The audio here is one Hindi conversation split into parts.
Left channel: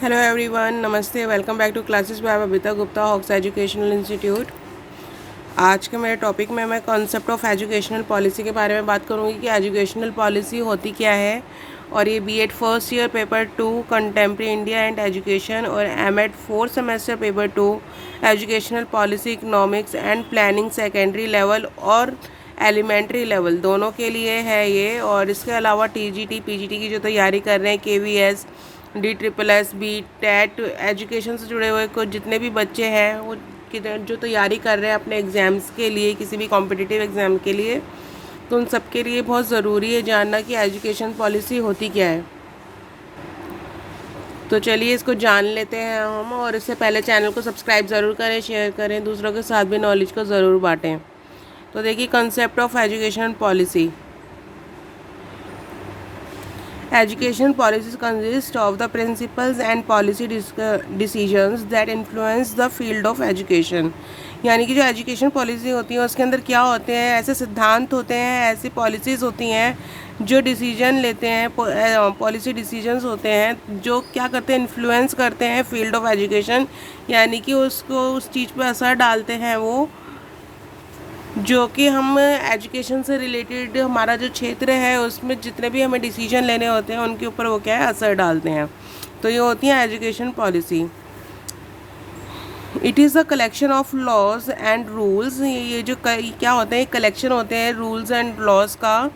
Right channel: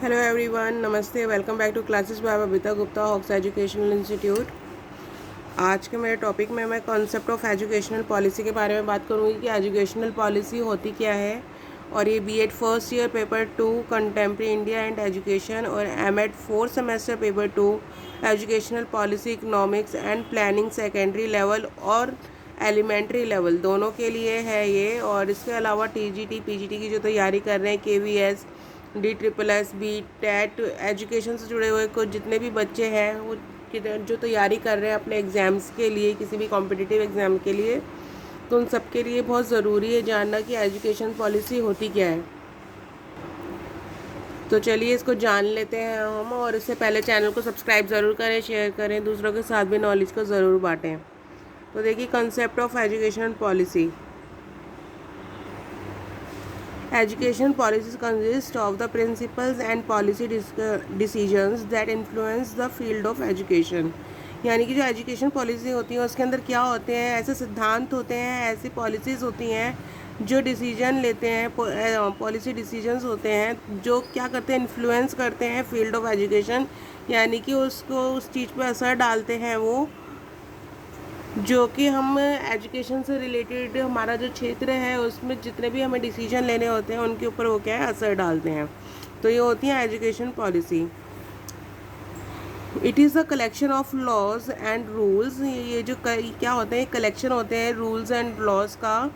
हेलो एवरीवन, नमस्ते। Welcome back to classes by Babita Gupta, hawks educational institute. आज के मेरे टॉपिक में मैं कॉन्सेप्ट ऑफ एजुकेशनल पॉलिसी के बारे में बात करूंगी कि एजुकेशनल पॉलिसी होती क्या है। और ये BEd first year paper 2 contemporary India and education और MEd fourth semester paper 2 educational policy economics and planning secondary level और एलिमेंट्री लेवल दोनों के लिए है ये। और इसके अलावा टीजीटी पीजीटी की जो तैयारी कर रहे हैं, KVS, DSSS, B TET, education से जुड़े हुए कुछ जितने भी बच्चे हैं वो जो तैयारी कर रहे हैं अपने एग्ज़ाम्स के लिए, किसी भी कॉम्पिटिटिव एग्ज़ाम के लिए, तो उन सब के लिए बहुत ज़रूरी है जानना कि एजुकेशन पॉलिसी होती क्या है। तो चलिए इसको जान लेते हैं हम। और इससे पहले चैनल को सब्सक्राइब ज़रूर करें, शेयर करें, दूसरों के साथ भी नॉलेज को ज़रूर बांटें। तो देखिए, concept of education policy. Education policies consist of the principles and policy decisions that influence the field of education। यानी कि जो एजुकेशन पॉलिसी होती है उसके अंदर क्या होते हैं, ऐसे सिद्धांत होते हैं, ऐसी पॉलिसीज़ होती हैं जो डिसीजन लेते हैं, पॉलिसी डिसीजंस होते हैं जो क्या करते हैं, इन्फ्लुएंस करते हैं फील्ड ऑफ एजुकेशन। यानी कि उसको उस चीज़ पे असर डालते हैं वो, जो कि हम एजुकेशन से रिलेटेड हमारा जो क्षेत्र है उसमें जितने भी हमें डिसीजन लेने होते हैं उनके ऊपर वो क्या है, असर डालते हैं। तो ये होती है education policy. It is a collection of laws and rules. ये जो क्या होते हैं, कलेक्शन होते हैं रूल्स एंड लॉज का,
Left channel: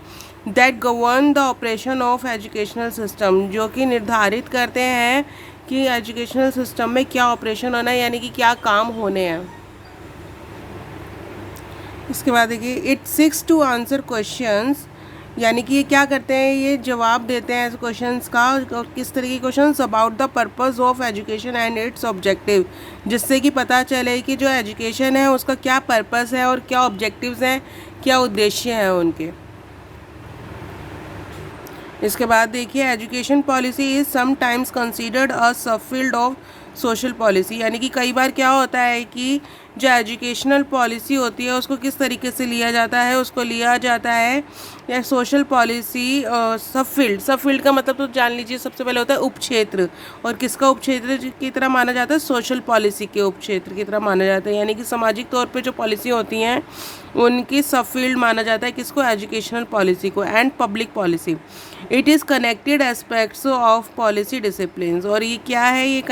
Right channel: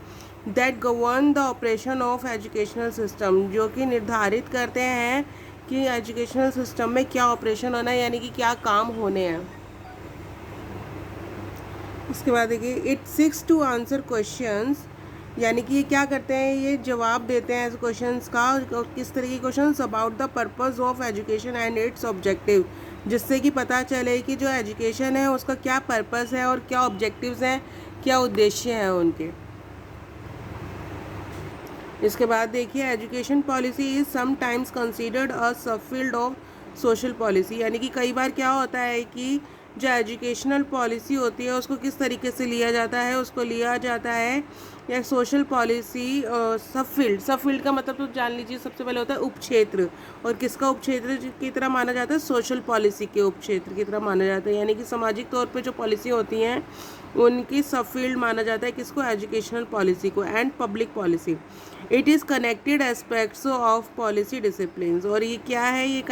that govern the operation of educational system, जो कि निर्धारित करते हैं कि एजुकेशनल सिस्टम में क्या ऑपरेशन होना है, यानी कि क्या काम होने हैं। इसके बाद देखिए, it seeks to answer questions, यानी कि ये क्या करते हैं, ये जवाब देते हैं क्वेश्चंस का। और किस तरह के questions, about the purpose of education and it's objective, जिससे कि पता चले कि जो एजुकेशन है उसका क्या पर्पस है और क्या ऑब्जेक्टिव्स हैं, क्या उद्देश्य हैं उनके। इसके बाद देखिए, education policy is sometimes considered a सब फील्ड ऑफ सोशल पॉलिसी। यानी कि कई बार क्या होता है कि जो एजुकेशनल पॉलिसी होती है उसको किस तरीके से लिया जाता है, उसको लिया जाता है या सोशल पॉलिसी सब फील्ड का मतलब तो जान लीजिए, सबसे पहले होता है उपक्षेत्र। और किसका उपक्षेत्र की तरह माना जाता है, सोशल पॉलिसी के उपक्षेत्र की तरह माना जाता है। यानी कि सामाजिक तौर पे जो पॉलिसी होती हैं उनकी सब फील्ड माना जाता है किसको, एजुकेशनल पॉलिसी को। And public policy, it is connected aspects of policy discipline. और ये क्या है, ये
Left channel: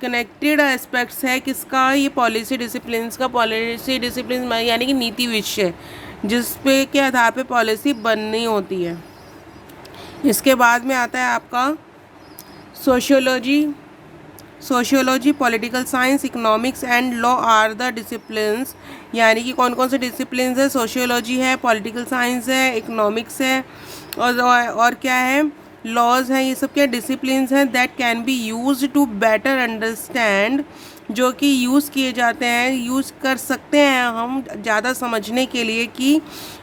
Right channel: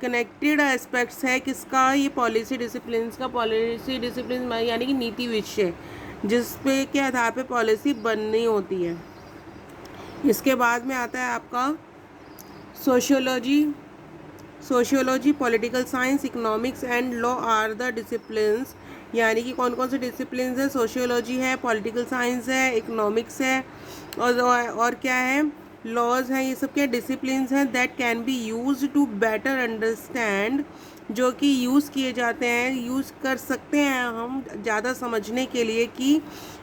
कनेक्टेड एस्पेक्ट्स है किसका, ये पॉलिसी डिसिप्लिन का। पॉलिसी डिसिप्लिन यानी कि नीति विषय जिस पे के आधार पे पॉलिसी बननी होती है। इसके बाद में आता है आपका sociology, political science, economics and law are the disciplines. यानी कि कौन कौन से डिसिप्लिन्स है, सोशियोलॉजी है, पॉलिटिकल साइंस है, इकोनॉमिक्स है और क्या है, लॉज हैं। ये सब क्या डिसिप्लिन्स हैं that can be use to better understand, जो कि यूज़ किए जाते हैं, यूज़ कर सकते हैं हम ज़्यादा समझने के लिए कि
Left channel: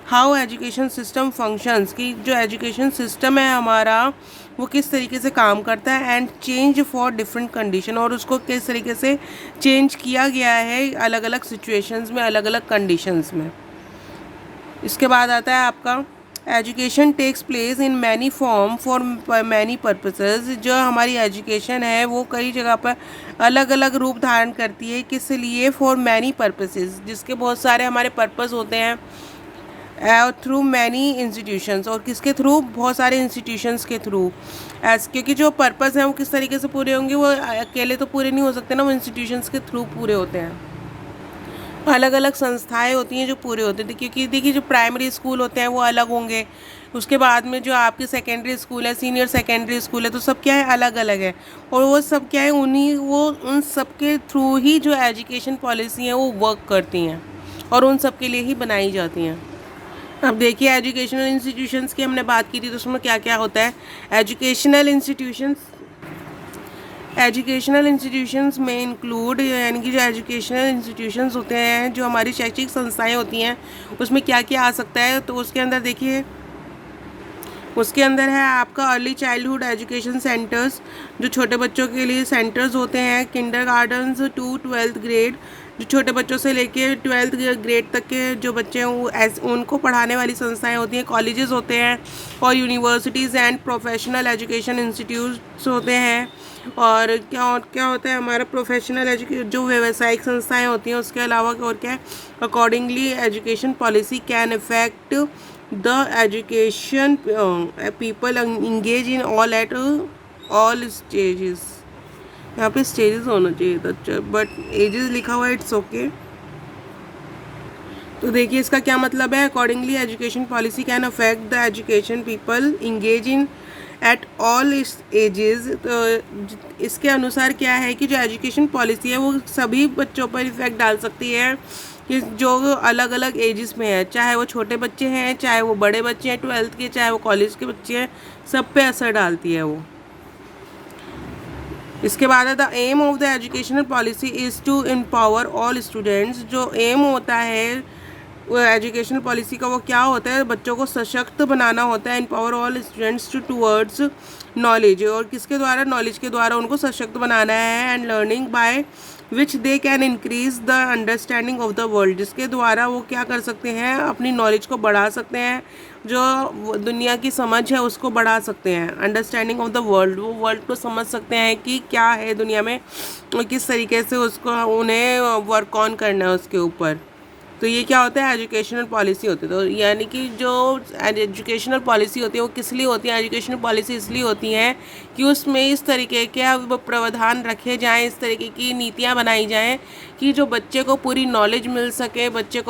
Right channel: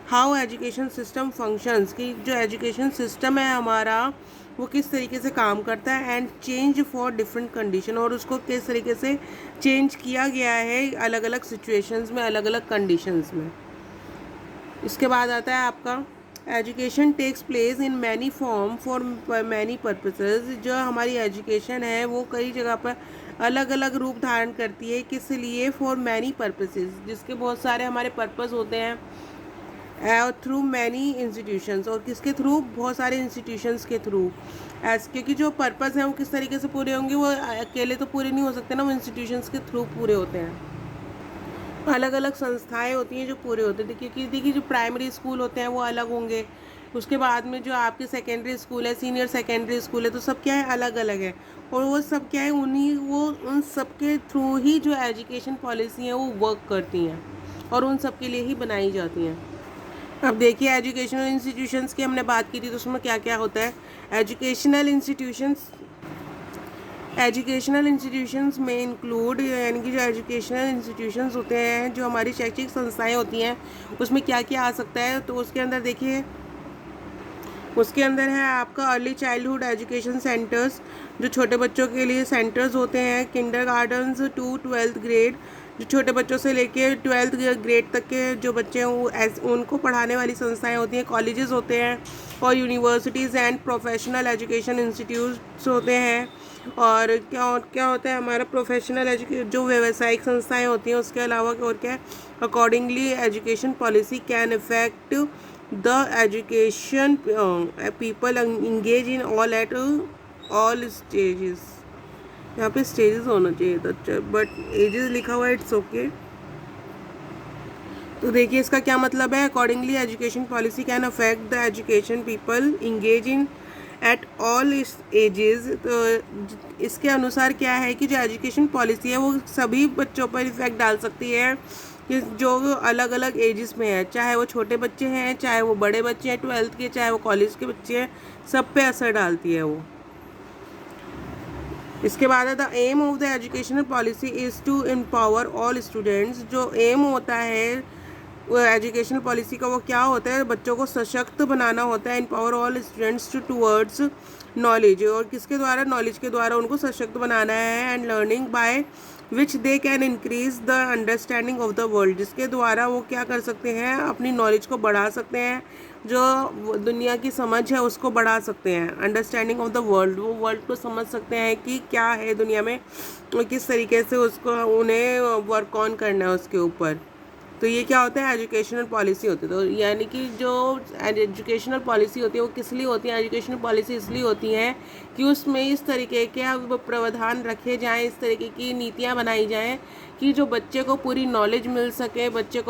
हाउ एजुकेशन सिस्टम फंक्शंस, कि जो एजुकेशन सिस्टम है हमारा वो किस तरीके से काम करता है। And change for different condition, और उसको किस तरीके से चेंज किया गया है अलग अलग सिचुएशंस में, अलग अलग कंडीशंस में। इसके बाद आता है आपका education takes place in many form for many purposes. जो हमारी एजुकेशन है वो कई जगह पर अलग अलग रूप धारण करती है, किस लिए, फॉर मैनी पर्पसेस, जिसके बहुत सारे हमारे पर्पस होते हैं, थ्रू मैनी इंस्टीट्यूशंस। और किसके थ्रू, बहुत सारे इंस्टीट्यूशंस के थ्रू। क्योंकि जो पर्पस हैं वो किस तरीके से पूरे होंगे, वो अकेले तो पूरे नहीं हो सकते ना, वो इंस्टीट्यूशंस के थ्रू पूरे होते हैं। अलग अलग संस्थाएं होती हैं जो पूरे होते थे, क्योंकि देखिए जो प्राइमरी स्कूल होते हैं वो अलग होंगे, उसके बाद में जो आपके सेकेंडरी स्कूल है, सीनियर सेकेंडरी स्कूल है, तो सब क्या है, अलग अलग है। और वो सब क्या है, उन सब के थ्रू ही जो एजुकेशन पॉलिसी हैं वो वर्क करती हैं और उन सब के लिए ही बनाई जाती हैं। अब देखिए, एजुकेशनल इंस्टीट्यूशंस की हमने बात की थी, तो उसमें क्या क्या होता है। एजुकेशनल इंस्टीट्यूशंस में इंक्लूड, यानी कि जो एजुकेशनल इंस्टीट्यूशंस होते हैं, जो हमारी शैक्षिक संस्थाएं होती हैं, उसमें क्या क्या आ सकता है। तो उसके अंदर देखिए, उसके अंदर है आपका अर्ली चाइल्डहुड एजुकेशन सेंटर्स, जो छोटे बच्चों के लिए सेंटर्स होते हैं, Kinder gardens to 12th grade, जो छोटे बच्चों से लेके 12th ग्रेड तक के जो बच्चे हैं उनको पढ़ाने वाली संस्थाएं होती हैं, कॉलेजेस होते हैं और universities and professional education institutes होते हैं। और क्या क्या होता है हमारा प्रोफेशनल जो व्यावसायिक संस्थाएं होती हैं उसके अलावा और क्या है, accordingly education policy can effect the education people engage in all stages. यहाँ पे स्टेजेस होना चाहिए था बट एजेस लिखा हुआ है, इट्स ओके। तो देखिए इसका क्या मतलब है, accordingly education policy can affect the education people engage in at all ages. तो इसके अनुसार क्या है कि जो एजुकेशन पॉलिसी है वो सभी बच्चों पर इफेक्ट डाल सकती है कि जो अलग अलग एजेस में है, चाहे वो छोटे बच्चे हैं, चाहे वो बड़े बच्चे हैं 12th के, चाहे वो कॉलेज के बच्चे हैं, सब पे असर डालती है वो। इसके बाद है the aim of the educational policy is to empower all students. जो एम होता है वो एजुकेशनल पॉलिसी का वो क्या होता है, बच्चों को सशक्त बनाना होता है, empower all students towards knowledge. और किसके द्वारा, नॉलेज के द्वारा उनको सशक्त बनाना है, and learning by which they can increase the understanding of the world, जिसके द्वारा वो क्या कर सकते हैं, अपनी नॉलेज को बढ़ा सकते हैं, जो दुनिया की समझ है उसको बढ़ा सकते हैं। अंडरस्टैंडिंग ऑफ द वर्ल्ड, वो वर्ल्ड को समझ सकते हैं कि क्या है दुनिया में और किस तरीके से उसको उन्हें वर्क ऑन करना है उसके ऊपर। तो ये क्या होता है, एजुकेशनल पॉलिसी होती है। तो यानी कि जो एजुकेशनल पॉलिसी होती है वो किस लिए होती है, एजुकेशनल पॉलिसी इसलिए होती है कि उसमें इस तरीके के प्रावधान रखे जाएं, इस तरीके की नीतियाँ बनाई जाएं कि जो बच्चे को पूरी नॉलेज मिल सके, बच्चे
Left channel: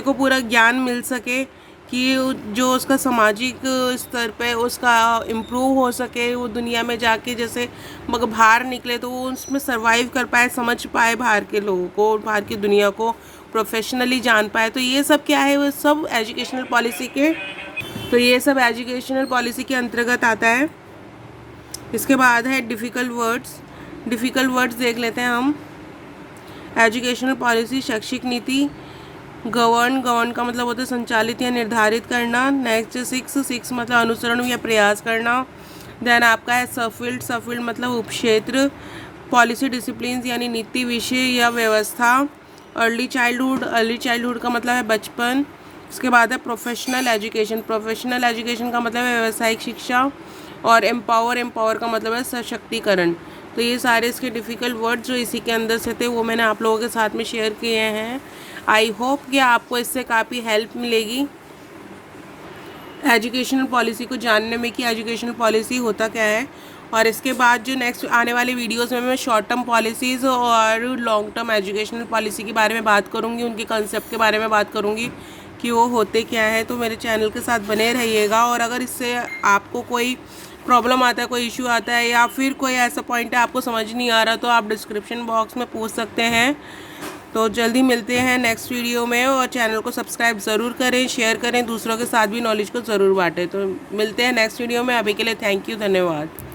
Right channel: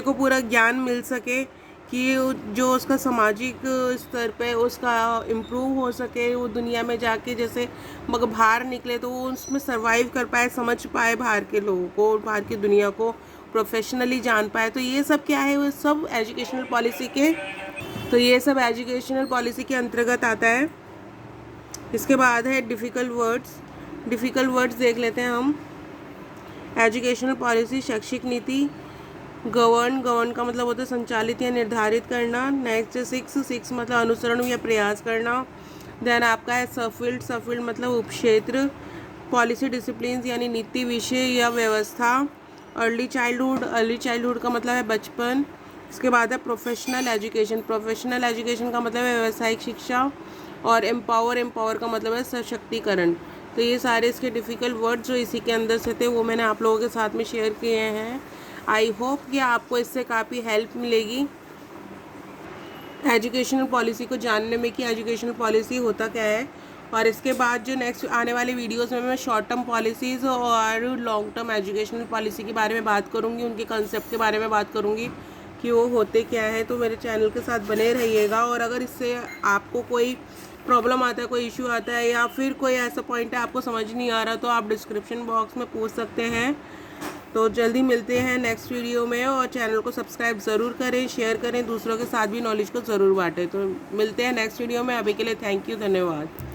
को पूरा ज्ञान मिल सके, कि जो उसका सामाजिक स्तर पे उसका इम्प्रूव हो सके, वो दुनिया में जाके जैसे मगर बाहर निकले तो वो उसमें सरवाइव कर पाए, समझ पाए बाहर के लोगों को, बाहर की दुनिया को प्रोफेशनली जान पाए। तो ये सब क्या है, वो सब एजुकेशनल पॉलिसी के अंतर्गत आता है। इसके बाद है डिफ़िकल्ट वर्ड्स देख लेते हैं हम। एजुकेशनल पॉलिसी, शैक्षिक नीति। गवर्न का मतलब होता है संचालित या निर्धारित करना। नेक्स्ट 6 मतलब अनुसरण या प्रयास करना। देन आपका है सफील्ड मतलब उपक्षेत्र। पॉलिसी डिसिप्लिन यानी नीति, विषय या व्यवस्था। अर्ली चाइल्डहुड का मतलब है बचपन। इसके बाद है प्रोफेशनल एजुकेशन का मतलब है व्यावसायिक शिक्षा। और एम्पावर का मतलब है सशक्तिकरण। तो ये सारे इसके डिफ़िकल्ट वर्ड्स जो इसी के अंदर से थे वो मैंने आप लोगों के साथ में शेयर किए हैं। आई होप कि आपको इससे काफ़ी हेल्प मिलेगी एजुकेशनल पॉलिसी को जानने में कि एजुकेशनल पॉलिसी होता क्या है। और इसके बाद जो नेक्स्ट आने वाले वीडियोस में मैं शॉर्ट टर्म पॉलिसीज़ और लॉन्ग टर्म एजुकेशनल पॉलिसी के बारे में बात करूँगी, उनके कंसेप्ट के बारे में बात करूँगी कि वो होते क्या है। तो मेरे चैनल के साथ बने रहिएगा। और अगर इससे आपको कोई प्रॉब्लम आता है, कोई इशू आता है, या फिर कोई ऐसा पॉइंट है आपको समझ नहीं आ रहा, तो आप डिस्क्रिप्शन बॉक्स में पूछ सकते हैं। तो जल्दी मिलते हैं नेक्स्ट वीडियो में। और चैनल को सब्सक्राइब ज़रूर करें, शेयर करें, दूसरों के साथ भी नॉलेज को ज़रूर बांटें। तो मिलते हैं नेक्स्ट वीडियो में। अभी के लिए थैंक यू, धन्यवाद।